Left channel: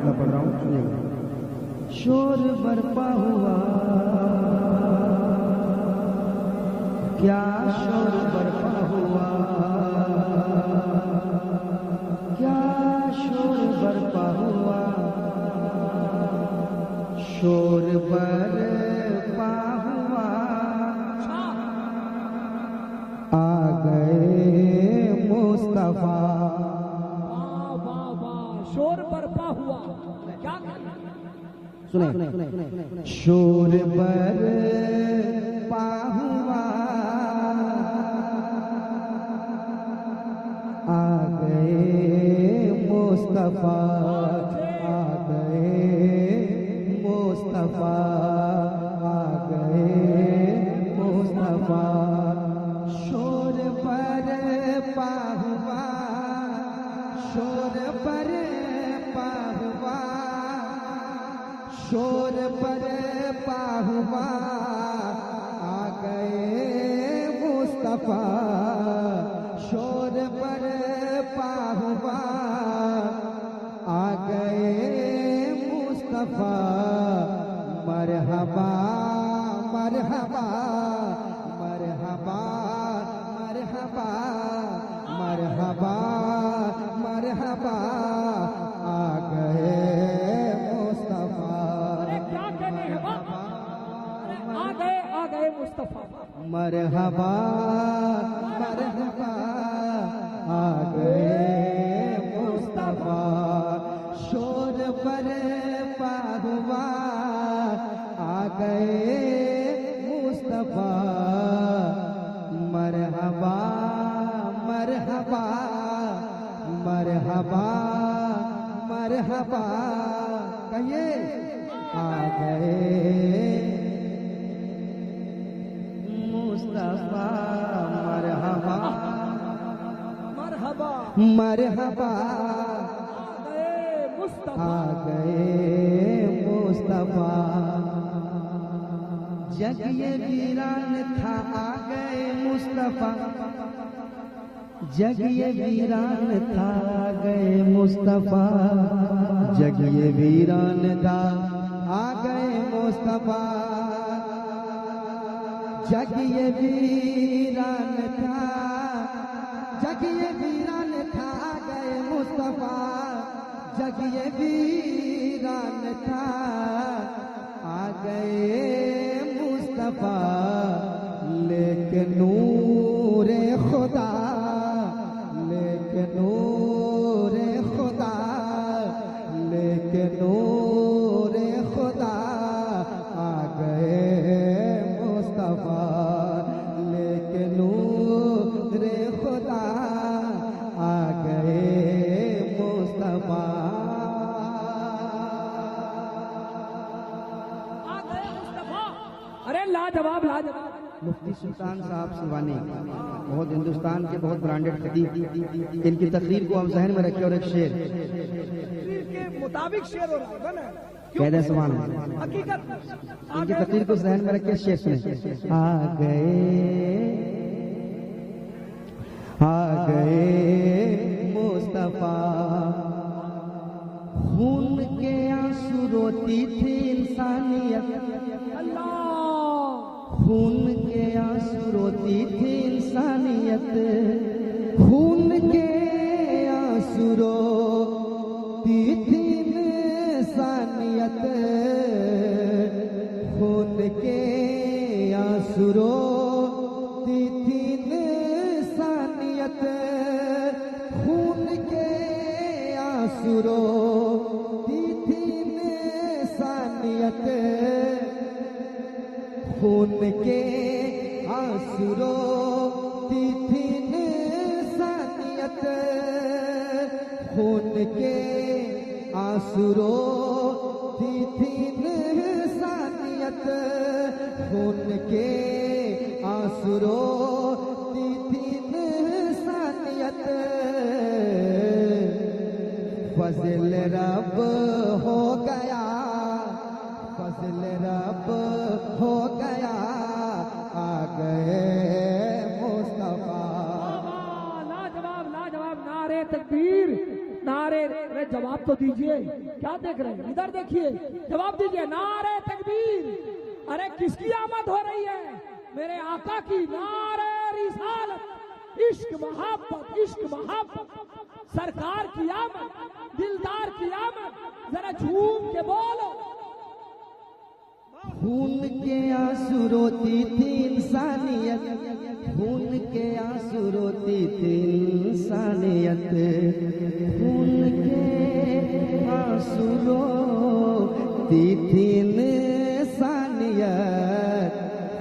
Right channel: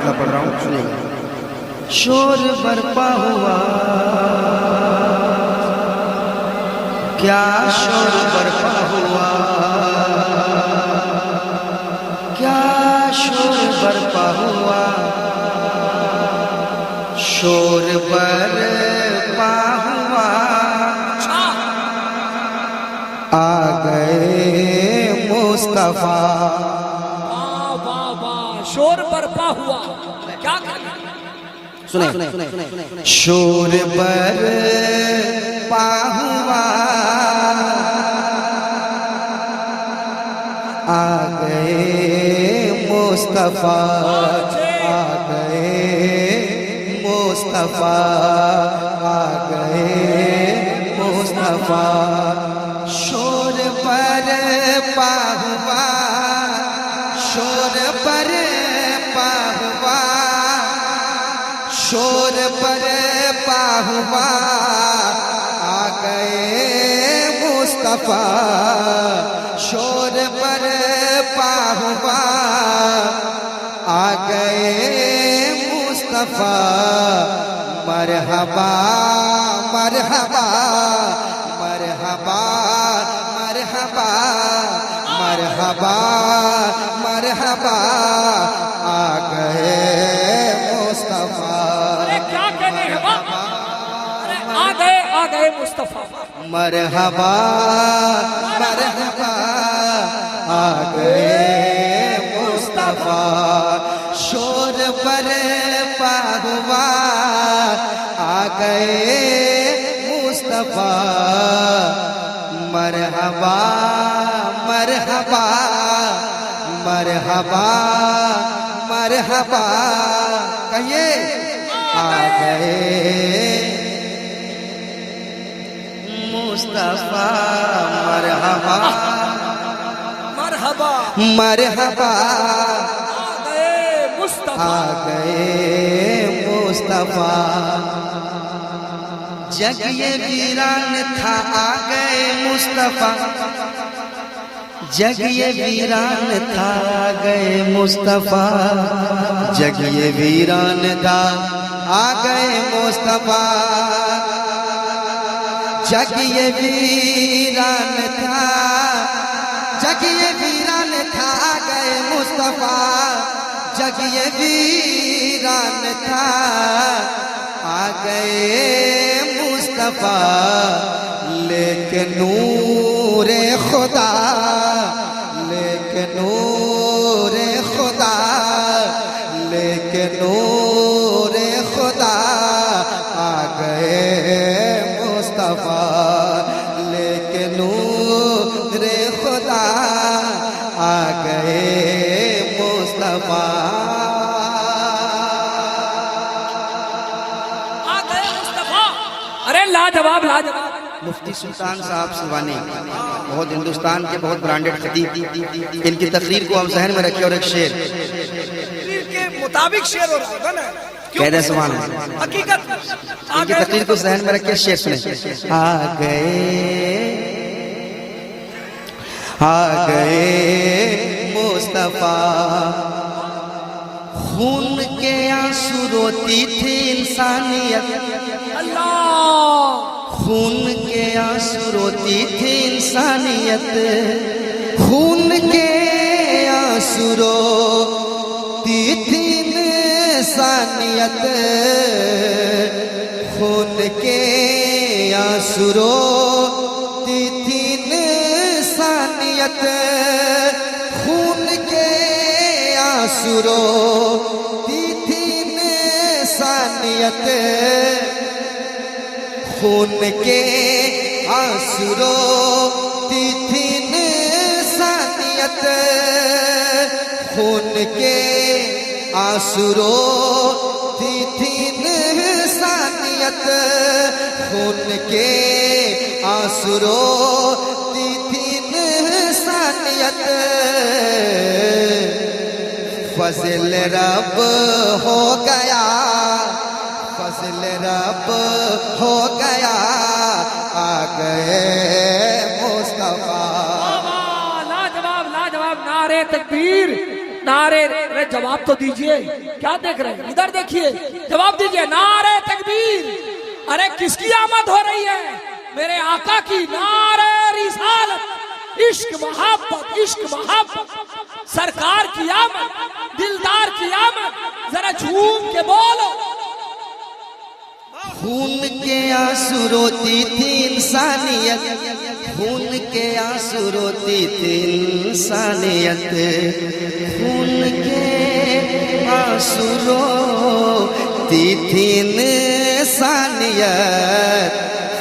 मतलब पढ़ रहा हूँ, सुनिएगा। शोर बरपा हुआ, क्या शोर बरपा हुआ, क्या शोर बरपा हुआ, शोर बरपा हुआ, आ गए मुस्तफा। वाह वाह वाह, शोर बरपा हुआ, क्या करें? सुने, शोर बरपा हुआ, आ गए मुस्तफा, आ गए मुस्तफा, आ गए मुस्तफा। शोर बरपा हुआ, शोर बरपा हुआ, शोर बरपा हुआ, आ गए मुस्तफा। शोर बरपा हुआ, आ गए मुस्तफा। मरहबा मरहबा मरहबा मरहबा मरहबा मरहबा, आ गए मुस्तफा। अरे क्या कहने हैं वाह, अरे आ गए मुस्तफा। मरहबा मरहबा, आ गए मुस्तफा। शोर बरपा हुआ, आ गए मुस्तफा। मरहबा मरहबा मरहबा मरहबा, कहिए आ गए मुस्तफा। मरहबा मरहबा, मरहबा, आ गए मुस्तफा। आ गए मुस्तफा। जग ये वीरान था, आ गए मुस्तफा। जग ये वीरान था, आ गए मुस्तफा। जग ये वीरान था, आ गए मुस्तफा। जग ये वीरान था, जग ये वीरान था, आ गए मुस्तफा। जग ये वीरान था, आ गए मुस्तफा। लेके नूरे खुदा, लेके नूरे खुदा, लेके नूरे खुदा, आ गए मुस्तफा। लेके नूरे खुदा, आ गए मुस्तफा। आ गए मुस्तफा। अरे लाजवाब लाजवाब। मुफ्ती सुल्तान साहब सिवानी, बहुत हिंदुस्तान के बहुत ब्रांडेड खतीब। इनकी तकरीर को आप जहन में रखिए। और एक शेर के मुताबिक शेर हो रहा है ना, कहते समान हकीकत। इनकी तकरीर को जहन में रखिए। शेर सुने। आ गए मुस्तफा। खून के आंसू रोती थी इंसानियत, अल्लाह। खून के आंसू रोती थी इंसानियत। खून के आंसू रोती थी इंसानियत। खून के आंसू रोती थी इंसानियत। खून के आंसू रोती थी इंसानियत। खून के आंसू रोती थी इंसानियत। खून के आंसू रोती थी इंसानियत। खून के आंसू रोती थी इंसानियत। फजल रब हो गया, फजल रब हो गया, आ गए मुस्तफा। लाजवाब लाजवाब, नारे तकबीर, नारे, अरे जवाब तो दीजिए, क्या देख रहे हैं? इधर देखिए, जवाब दीजिए। नारे तकबीर, अरे किसकी आमद हो रही है? मेरे आका की। नारे रिसालत, इश्क मोहब्बत, इश्क मोहब्बत, सरकार की आमद, दिलदार की आमद, जरा झूम के बोलो। खून के आंसू रोती थी इंसानियत, खून के आंसू रोती थी इंसानियत, खून के आंसू रोती थी इंसानियत।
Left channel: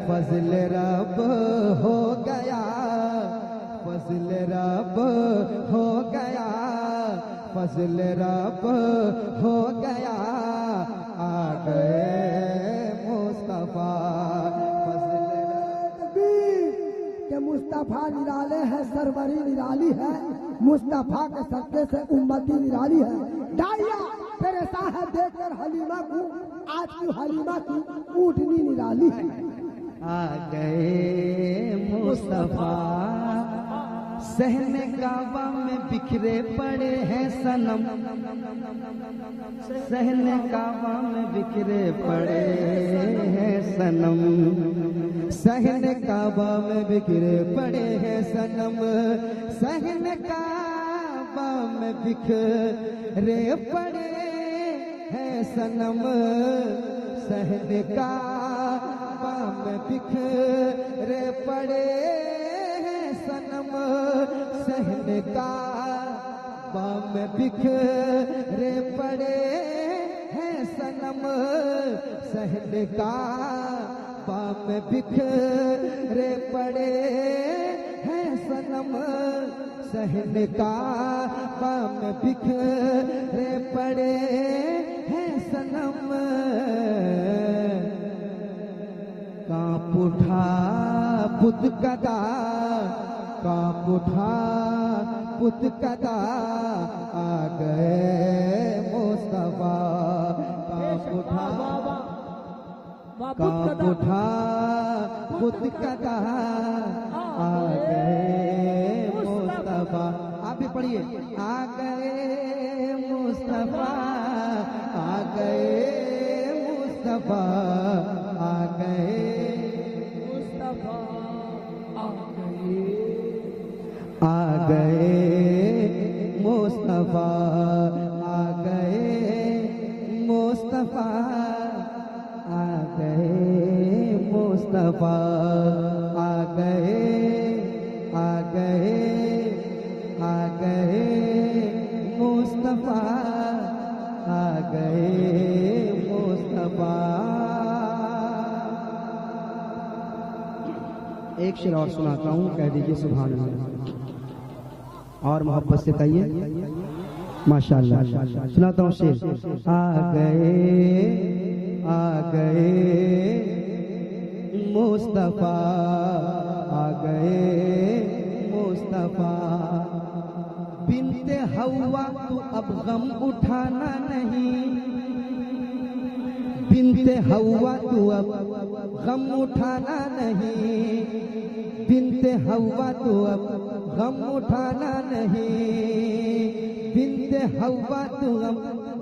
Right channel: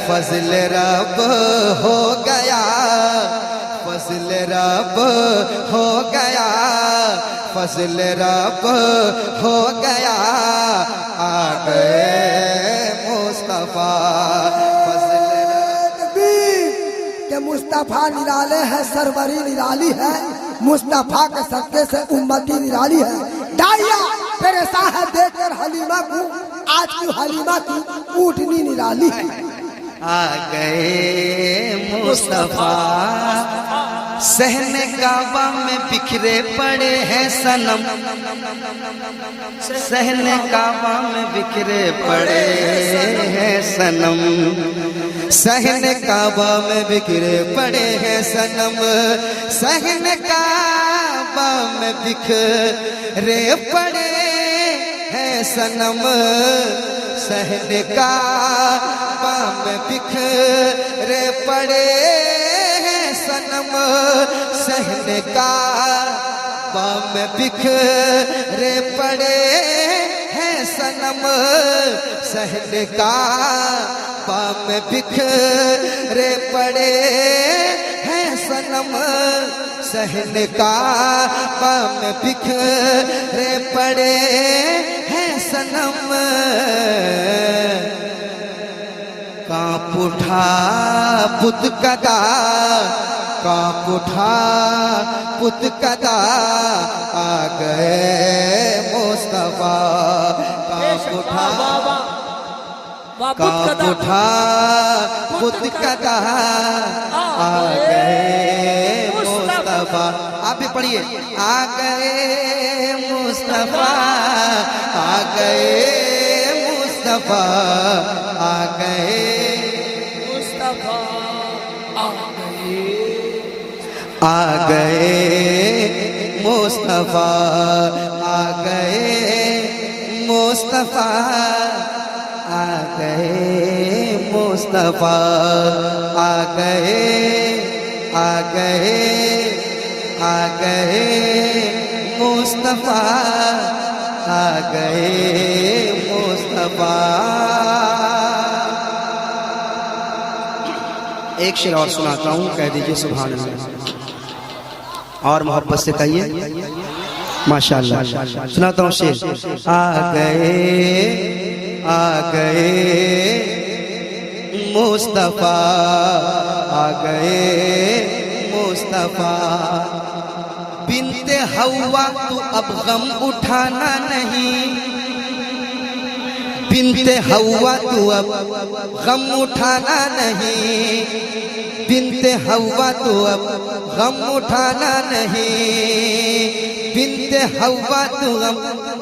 फजल रब हो गया, फजल रब हो गया, फजल रब हो गया, आ गए मुस्तफा। के मुस्तफा निराले है, सरवरी निराली है, मुस्तफा के सदके से उम्मती निराली है। डाया परेशान है देखकर हलीमा को, आज की हलीमा की ऊँटनी निराली है। आ गए मुस्तफा, सहने काबा में बिखरे पड़े हैं सनम, सहने काबा में बिखरे पड़े हैं सनम, सहने काबा में बिखरे पड़े हैं सनम, सहने काबा में बिखरे पड़े हैं सनम, सहने काबा में बिखरे पड़े हैं सनम, सहने काबा में बिखरे पड़े हैं सनम, सहने काबा में बिखरे पड़े हैं सनम, सहने काबा में बिखरे पड़े हैं सनम। कांप उठा बुत कदा, कांप उठा बुत कदा, आ गए मुस्तफा। कांप उठा, कांप उठा बुत कदा, आ गए मुस्तफा। आप भी पढ़िए, आ गए मुस्तफा, आ गए मुस्तफा, आ गए मुस्तफा, आ गए, आ गए मुस्तफा, आ गए मुस्तफा, आ गए मुस्तफा, आ गए, आ गए, आ गए मुस्तफा, आ गए मुस्तफा। एक शेर और सुनाता हूँ, कह दीजिए सुभान अल्लाह, और मोहब्बत से कहिए माशाअल्लाह। सुनाता हूँ शेर। आ गए, आ गए मुस्तफा, आ गए मुस्तफा, बिनते हवा तू अब गम उठाना नहीं, बिनते हवा तू अब गम उठाना नहीं, बिनते हवा तू अब गम उठाना नहीं, बिनते हवा तू अब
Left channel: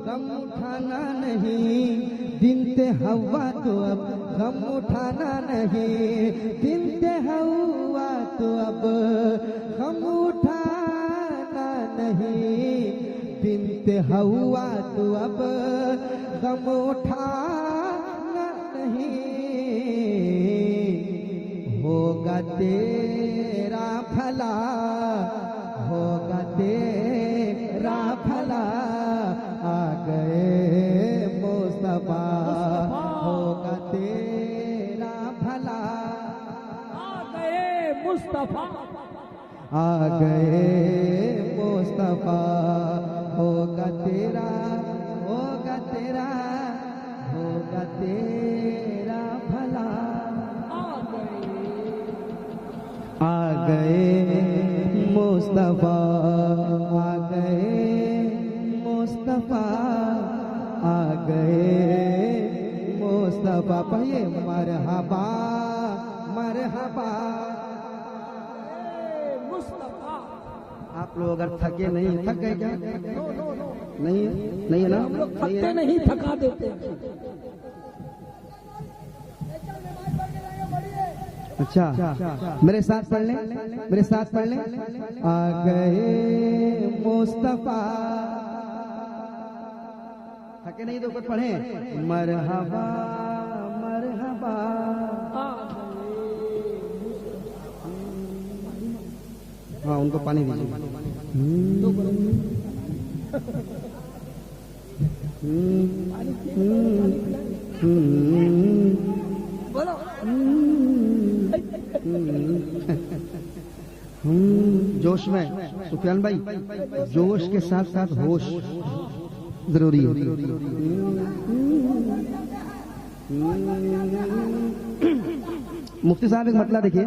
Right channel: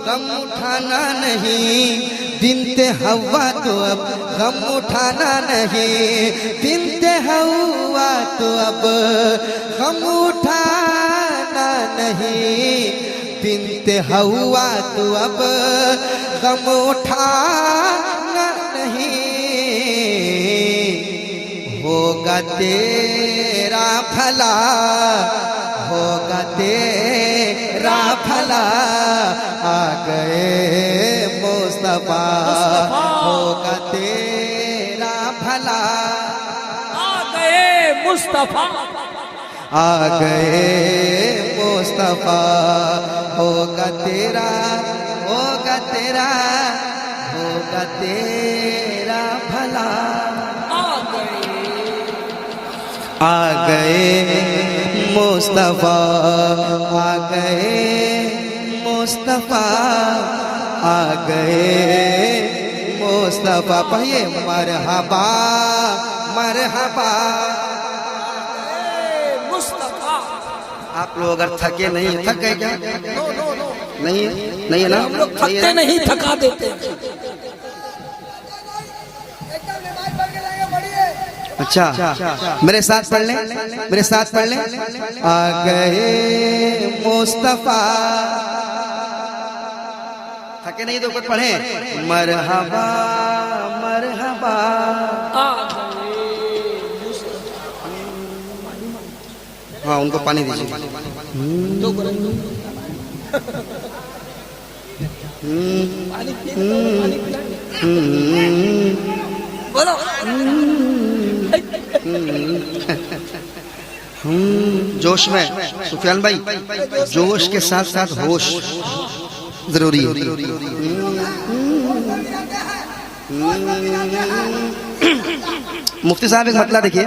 गम उठाना नहीं, बिनते हवा तू अब गम उठाना नहीं, बिनते हवा तू अब गम उठाना नहीं, बिनते हवा तू अब गम उठाना नहीं। होगा तेरा भला, होगा तेरा भला, आ गए मुस्तफा, होगा तेरा भला, आ गए मुस्तफा, आ गए मुस्तफा, होगा तेरा, होगा तेरा, होगा तेरा भला, आ गए मुस्तफा, आ गए मुस्तफा, आ गए मुस्तफा। पढ़िए, मरहबा मरहबा, मुस्तफा, आप लोग अगर थके नहीं, थक गए क्या? नहीं नहीं है ना? हम लोग थकते नहीं, थका देते हैं। अच्छा, मेरे साथ पढ़ लें, मेरे साथ पढ़ लें। आ गए मुस्तफा, थके नहीं तो कुछ पढ़े। मरहबा मरहबा, हाँ उनको पानी दीजिए। दो पानी बोलो। जोश में सुफियान भाई, जोश के साथ साथ होश जरूरी है। मुफ्ती साहब एक मतला देखिए।